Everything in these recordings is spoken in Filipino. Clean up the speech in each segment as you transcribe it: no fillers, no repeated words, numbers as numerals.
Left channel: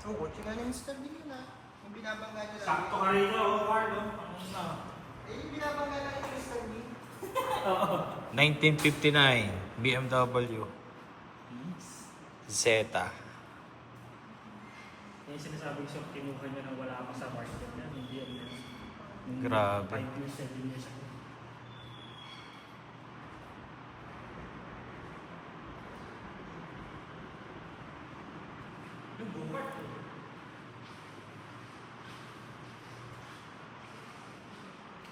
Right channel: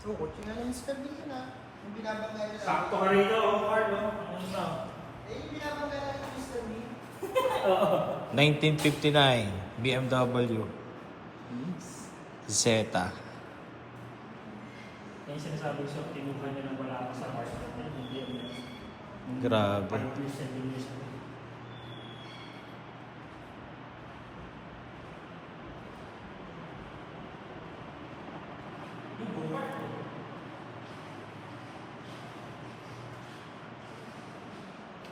Oo, kotse nga yung scan nila na. Yung binabangga nila. Sakto ka rito, Carl, no? Ano na? Yung binabangga lang yung Mr. Bean. 1959 BMW Zeta. Yung sinasabi ko sa kinuha niya nang wala ako sa apartment niya, hindi yun. Grabe. 5 years, 7 years ago.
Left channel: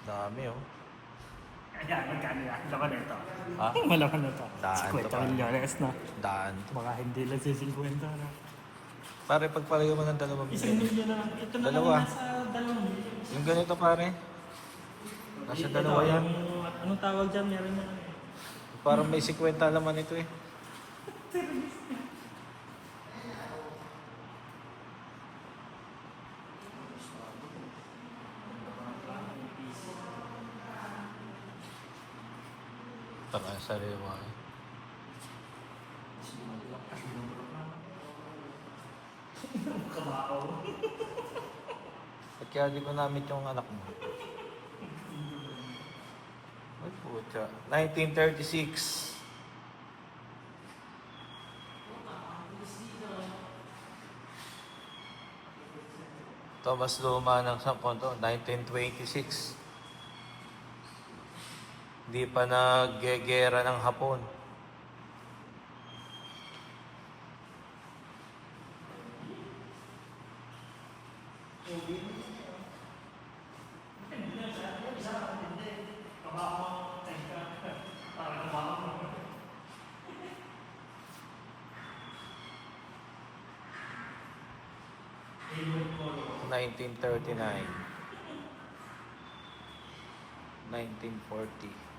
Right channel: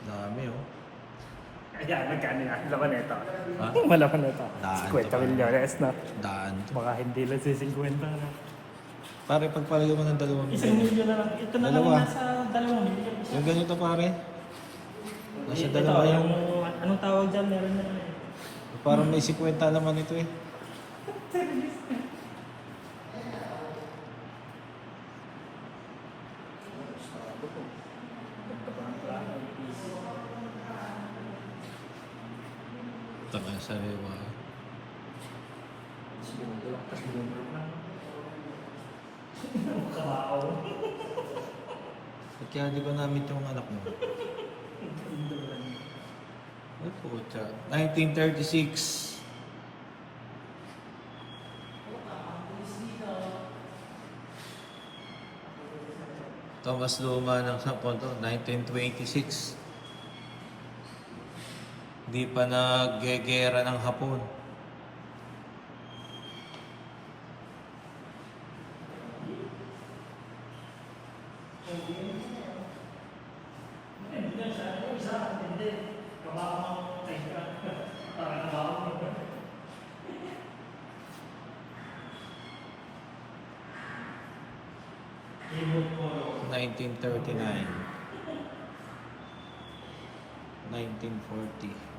Dami oh. Ayan, magkano yan? Laman na ito. Ha? Malaman na ito. Daan 50 to, milyones na. Daan. Baka hindi lang si 50 na. Pare, pagpalayo mo ng 2 1 milyon na lang. Ito na lang Dalawa. yung nasa 2 milyon. Yung ganito pare. Nasa Ito, dalawa yan. Anong tawag dyan? Meron na. Parang may 50 naman ito eh. Taka sa liwa. Kabao. Kaya di ko namit yung anak mo. Ay pucha. 1936. Thomas Luma ng Sapon to, 1926. Di pa naggegera ng Hapon. Hindi lang siya. Isa, hindi. Kabao mo. Parang kabao mo. 1939. 1940.